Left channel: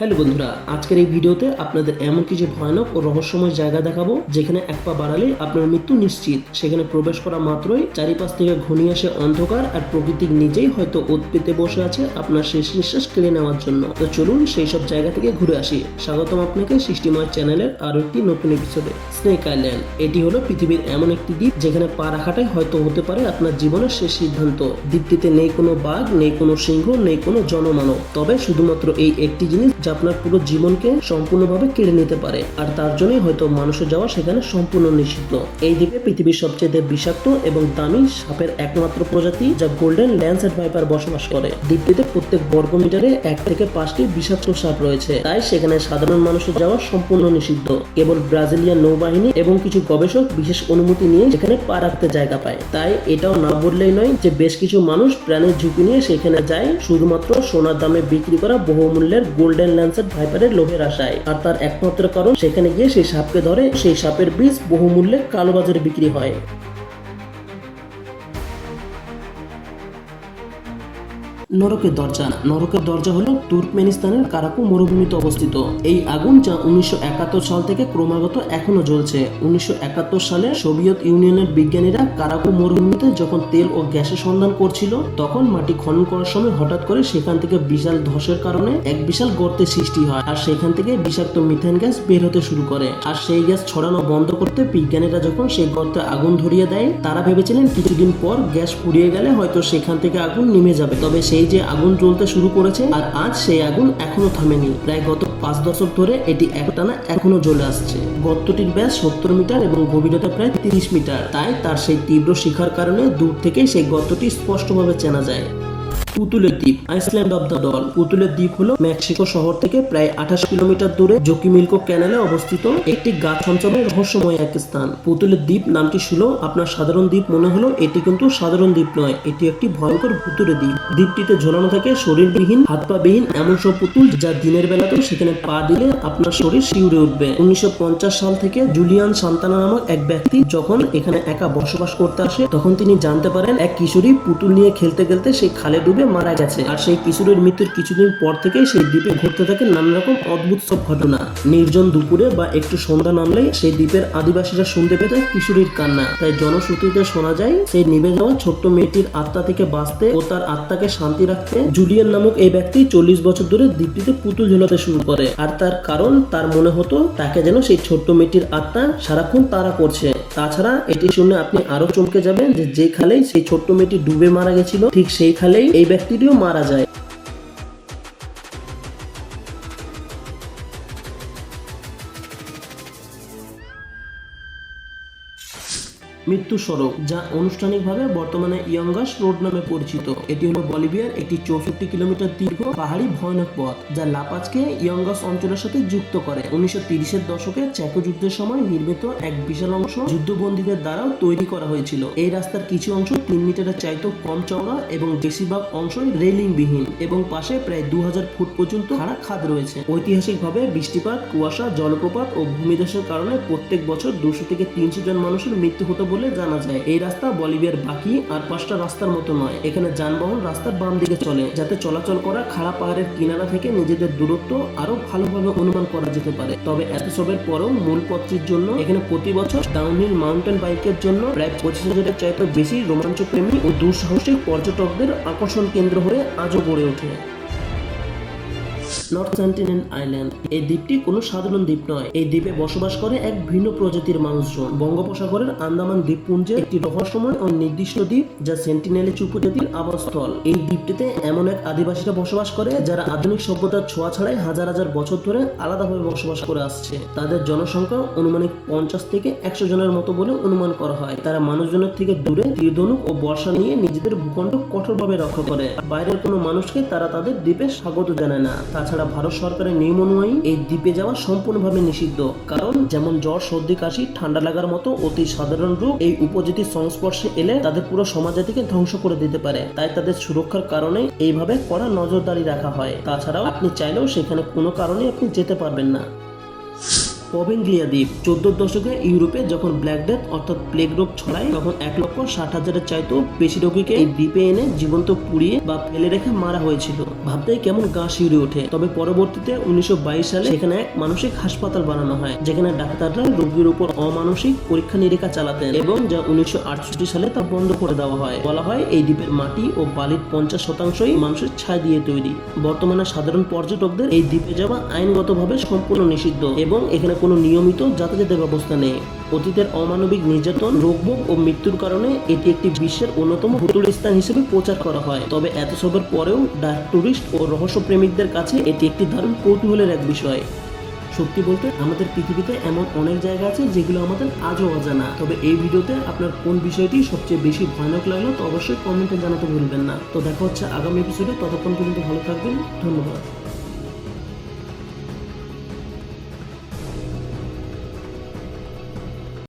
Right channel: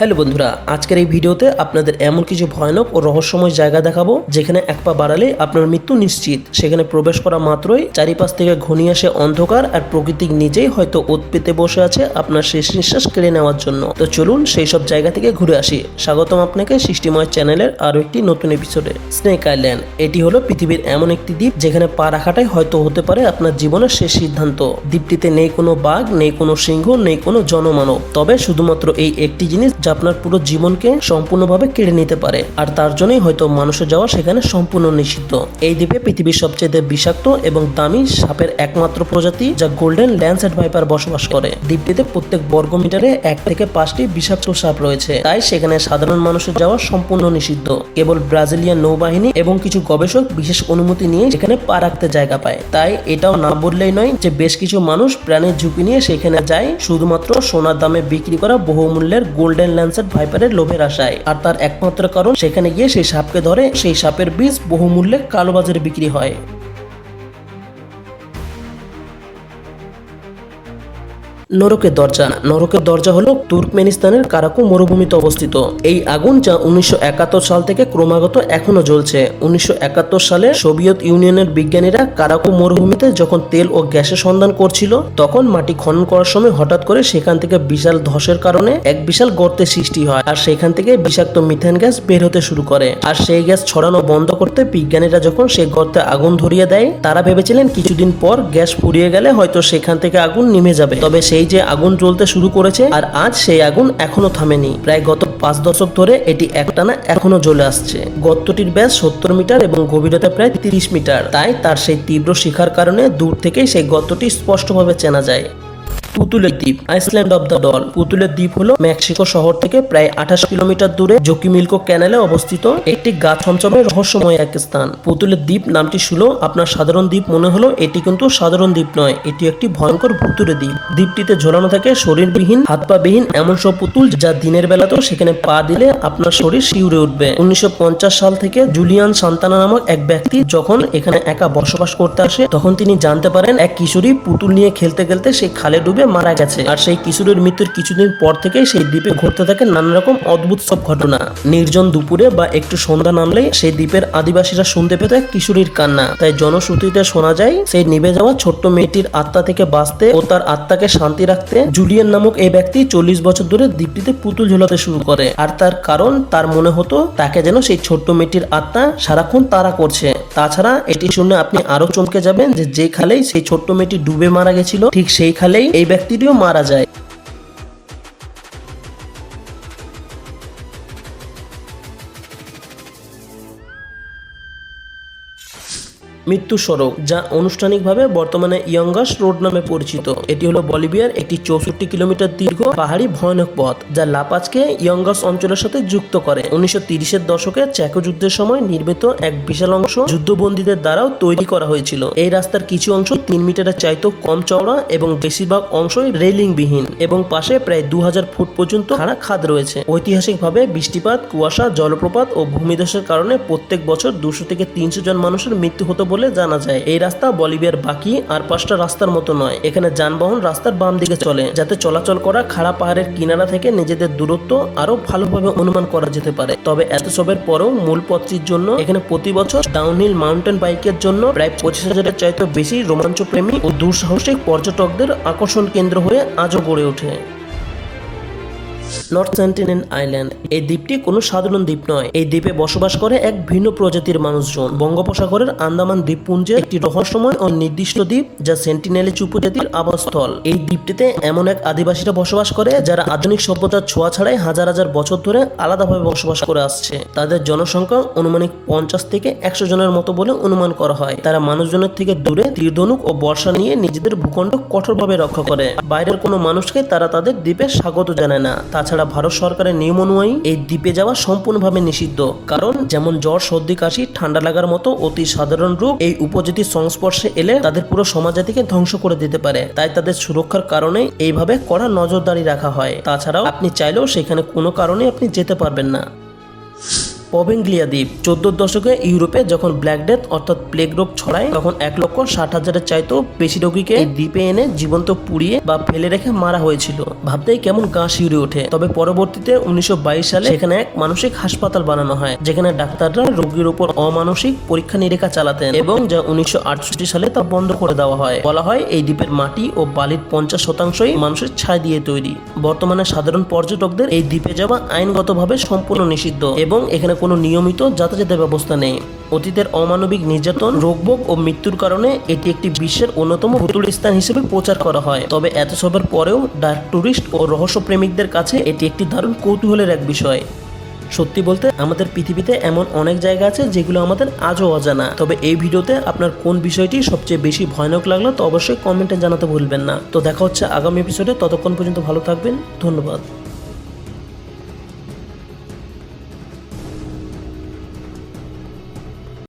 Hello বন্ধুরা, আজকের এই ভিডিওতে আপনাদের এমন কিছু ভয়ানক ও রহস্যময় জায়গা দেখাবো যেখানে এক পা বাড়ালে আপনার মৃত্যু নিশ্চিত। সেখানে প্রবেশ করা মাত্রই চারিপাশ থেকে ঘনিয়ে আসে অন্ধকার, আর প্রকৃতি নিজেই হয়তো ওত পেতে বসে আছে আপনার শেষ নিঃশ্বাস কেড়ে নেওয়ার জন্য। তো চলুন সেই সব জায়গা থেকে ঘুরে আসি। স্বাগতম আপনাকে সৃষ্টিময় চ্যানেলের আরো একটি নতুন এপিসোডে। স্নেক আইল্যান্ড এটি হলো পৃথিবীর এমন একটি দ্বীপ যেখানে পা রাখাটাই হয়তো হতে পারে আপনার জীবনের শেষ সিদ্ধান্ত। দ্বীপটিতে নেই কোনো বাঘ, নেই কোনো সিংহ, নেই কোনো জনমানব, তবে শুধুমাত্র এই একটি জিনিস যা আপনার পুরো জীবনকে সম্পূর্ণভাবে কেড়ে নিতে পারে, আর তার জন্যই হয়তো মানুষের যাওয়া সেখানে সম্পূর্ণ নিষিদ্ধ। এই দ্বীপে পৃথিবীর সবচেয়ে বিষাক্ত এবং দামি সাপের একমাত্র প্রজাতি যা গোল্ডেন ল্যান্সহেড ভাইপার বসবাস করে। দ্বীপটিতে প্রত্যেক বর্গ মিটারে 1 থেকে 5টি বিষাক্ত সাপ রয়েছে, তাই সেখানে সাধারণ মানুষের যাওয়া সম্পূর্ণ নিষিদ্ধ। কেবল ব্রাজিলিয়ান নৌবাহিনী এবং কিছু গবেষক বিশেষ অনুমতি নিয়ে সেখানে পা রাখতে জায়গা পায়। তাই এটাও না বললেই নয় যে বেশ কিছু মানুষ প্রাণের ঝুঁকি নিয়ে সেখানে যায় শুধুমাত্র সোনার দামে বিক্রি করা বহুমূল্যের গোল্ডেন ল্যান্সহেড ভাইপারের লোভের আশায়। আর তার একমাত্র কারণ সেখানে গিয়ে সেই সাপকে ধরে সেই সাপের বীজ বহুমূল্যে কালোবাজারে বিক্রি হয়। নরকের দরজা। নরকের দরজা হলো তুর্কমেনিস্তানের কারাকু মরুভূমিতে অবস্থিত। এই আগুন যা 1971 সাল থেকে ক্রমাগত এখনো জ্বলছে। 1971 সালে সোভিয়েত ইউনিয়নের বিজ্ঞানীরা কারাকু মরুভূমিতে যখন তেল ও গ্যাসের সন্ধান করছিল, তখন মাটি খনন করার সময় হঠাৎ করে সেখান থেকে বিশাল ধসের কারণে এক বিশাল গর্তের সৃষ্টি হয়, আর সেখান থেকে বিষাক্ত মিথেন গ্যাস বের হতে শুরু করে। আর সেই গ্যাস ছড়ানো বন্ধ করতে বিজ্ঞানীরা যখন সেই গর্তে আগুন ধরিয়ে দেয়, তারা ভেবেছিলেন কিছুদিন পর গ্যাস ফুরিয়ে গেলে হয়তো সেখান থেকে আগুন নিভে যাবে। তবে সেই যে আগুন জ্বলতে শুরু করেছে, আর আজ সেই আগুন এখনো থামেনি। প্রায় গত 5 দশক ধরে এটি একটানা এখনো জ্বলে আসছে। গর্তটির ব্যাস 70 মিটার এবং গভীরতা প্রায় 30 মিটার। তাই তার সেই তীব্র শিখার কারণে দূর থেকেই সেই গর্তটি স্পষ্টভাবে চেনা যায়। পুতুলের দ্বীপ, আইসল্যান্ড অব দ্য ডল। পুতুলের দ্বীপ হলো মেক্সিকো শহর থেকে প্রায় 28 কিলোমিটার দূরে জোকিমিলকো ক্যানেলে অবস্থিত একটি গা ছমছমে রহস্যময় এক স্থান। পুতুলের দ্বীপ নামটি শুনো আপনার সাধারণ দ্বীপ মনে হলো, এটি কিন্তু সাধারণ দ্বীপ নয়, এটি একটি ভয়ঙ্কর ভুতুড়ে দ্বীপ। দ্বীপটিতে ঝোলানো থাকে শরীরবিহীন, হাত পা বিহীন এমন সব পুতুল যা দিনের বেলাতেও সেখানে পা দিলে আপনার শরীর শিউরে উঠবে। 1950 সাল থেকে জুলিয়ান সান্তানা নামক এক ব্যক্তি যখন এখানে একা বসবাস করতে আসে, তখন তিনি জানতে পারেন এক কিশোরী পুতুল নিয়ে খেলতে খেলতে সেই খালে ডুবে মারা গেছে। আর সেই কিশোরের মৃত্যুর কিছুদিন পর থেকেই সেই দ্বীপে ঘটতে থাকে নানা রকম অদ্ভুত সব ঘটনা। নির্জন দুপুরে বা একটু সন্ধ্যা নামলেই সেই দ্বীপের আদিবাসীরা শুনতে পেত এক কিশোরীর কান্না। তাই জনশ্রুতিতে শোনা যায় সেই নিভে যাওয়া ছোট্ট মেয়েটির আত্মা থেকে বাঁচতে ও তার আত্মাকে শান্তি রাখতে জুলিয়ান নামক এই ব্যক্তি 40 বছর ধরে দ্বীপটিতে পুতুল ঝোলাতে শুরু করে। আর তার কারণ তার মনে হতো তাকে যেন সেই ছোট্ট মেয়েটির আত্মা সারাক্ষণ তাড়া করছে। তাছাড়া এটি শুনে আপনি আরো চমকে যাবেন যে খালেই সেই ছোট্ট মেয়েটি ডুবে মারা গেছিল, ঠিক সেই খালেই এই ব্যক্তিটিও মারা যায়। মৃত্যু সড়ক, যা আনুষ্ঠানিকভাবে বর্তমানে ইয়ঙ্গাস রোড নামে পরিচিত। এটি হলো বলিভিয়ার একটি 64 কিলোমিটার দীর্ঘ পাহাড়ি ভয়ানক পথ যা লাপাজকে ইয়ঙ্গাস অঞ্চলের সাথে যুক্ত করে। 1930-এর দশকে চেকো যুদ্ধের সময় নির্মিত এক বিশাল অংশ যুদ্ধবন্দীদের দ্বারাও তৈরি করা হয়েছিল। এই রাস্তার কিছু অংশ 3 মিটারের চাইতেও কম চওড়া এবং বেশিরভাগ অংশই রেলিং বিহীন, এবং পাশে প্রায় 2000 ফুট পর্যন্ত খাড়া খাদ রয়েছে। ঐতিহাসিকভাবে বৃষ্টিপাত, কুয়াশা, জলপ্রপাত ও ভূমিধসের কারণে প্রত্যেক বছর 200 থেকে 300 জন মানুষের মৃত্যু হতো বলে জানা যায়। এই রাস্তা বলিভিয়ার বাকি আর 5টা রাস্তার মতো নয়। এখানে যানবাহন রাস্তার বাম দিকে চলে, যাতে চলাচল করা খাড়া পাহাড়ের কিনারা থেকে নিজেদের দূরত্ব আরো ভালোভাবে অনুমান করা যেতে পারে। তবে এত সবের পরেও মূল পথটির জন্য এখানে প্রতি বছর ডাউনহিল মাউন্টেন বাইকের জন্য প্রায় 25,000-এর চাইতে বেশি রোমাঞ্চপ্রেমী ও দুঃসাহসিক পর্যটকদের আকর্ষণ কেন্দ্র হয়ে আজও গড়ে ওঠে। North sentinel island. এই দ্বীপটি কোনো সাধারণ দ্বীপ নয়। এই দ্বীপে বসবাস করে এক ভিন্ন প্রজাতির মানুষজন। বঙ্গোপসাগরের আন্দামান দ্বীপপুঞ্জের একটি রহস্যময় ও নির্দিষ্ট দ্বীপ যা সেন্টিনেলিজ উপজাতির আবাসস্থল। এই দ্বীপটিতে এমন এক আদিবাসীরা বসবাস করে যারা আধুনিক সভ্যতার ছোঁয়া ছাড়াই হাজার হাজার বছর ধরে আলাদাভাবে বসবাস করে আসছে। তাদের জনসংখ্যা অনুমানিক 50 থেকে 100 জনের মতো বলে অনুমান করা হয়। তারা মানুষজনের থেকে দূরে তীরধনুক ও বর্ষা নিয়ে নিজেদের ভূখণ্ড কঠোরভাবে রক্ষা করে। বাইরের কোনো মানুষকে তারা তাদের দ্বীপে স্বাগত জানায় না। তাছাড়া ভারত সরকারের নিয়ম অনুযায়ী এই দ্বীপে যাওয়া সম্পূর্ণভাবে নিষিদ্ধ, কারণ যেমন জ্বর, সর্দি, কাশি, ঠান্ডা লাগার মতো অতি সাধারণ রোগ এই উপজাতির সংস্পর্শে এলে তাদের পুরো সমাজজাতিকে ধ্বংস করে দিতে পারে। তাই তাদের সুরক্ষার কারণে এইভাবে কড়া নজরদারি রাখা হয়। তাছাড়াও আপনি চাইলেও সেখানে কোনো কারণে আপনি যেতে পারবেন না। পবেঙ্গলিয়া দ্বীপ 14 দশকে ইউরোপে যখন ব্ল্যাক ডেথ অর্থাৎ প্লেগ রোগ ছড়ায় তখন 1,60,000-এর চাইতেও বেশি রোগীকে এই দ্বীপে এনে জীবন্ত পুড়িয়ে বা ফেলে রেখে মারা হয়েছিল। ভাবতেই কেমন গা শিউরে ওঠে। তবে পরবর্তীতে 1922 সালে সেখানে এক মানসিক হাসপাতাল বানানো হয়, যেখানে ডাক্তাররা রোগীর উপর অমানসিক পরীক্ষা নিরীক্ষা চালাতেন এবং যা 1968 সালে তা বন্ধ করে দেওয়া হয়। বলা হয় এই দ্বীপের মাটি ও বালির 50% মানুষের ছাই দিয়ে তৈরি। বর্তমানে সাধারণ পর্যটকদের এই দ্বীপে যাওয়া আইনগতভাবে সম্পূর্ণ নিষিদ্ধ এবং এখানে কোনো নিয়মিত যাতায়াতের ব্যবস্থা নেই। অতীতের অমানবিক নির্যাতন, রোগভোগ ও মৃত্যুর কারণে এটি একটি বিশ্বের অন্যতম ভুতুড়ে স্থান হিসেবে প্রচার করা হয়। তবে এত সবের পরেও ডার্ক ট্যুরিস্ট ও রহস্যপ্রেমিকদের কাছে এটি একটি দারুণ কৌতূহলের এক বিষয়। সত্যি বলতে আমাদের পৃথিবীতে এমন অনেক জায়গা আছে যেগুলো আমাদের আজও অজানা। তবে এই ভিডিওতে আপনার কোন বিষয়টি সবচেয়ে বেশি ভয়ানক লাগলো তো অবশ্যই কমেন্টে জানাতে ভুলবেন না। তো দেখা হচ্ছে আগামী এপিসোডে, ততক্ষণ পর্যন্ত ভালো থাকবেন, ধন্যবাদ।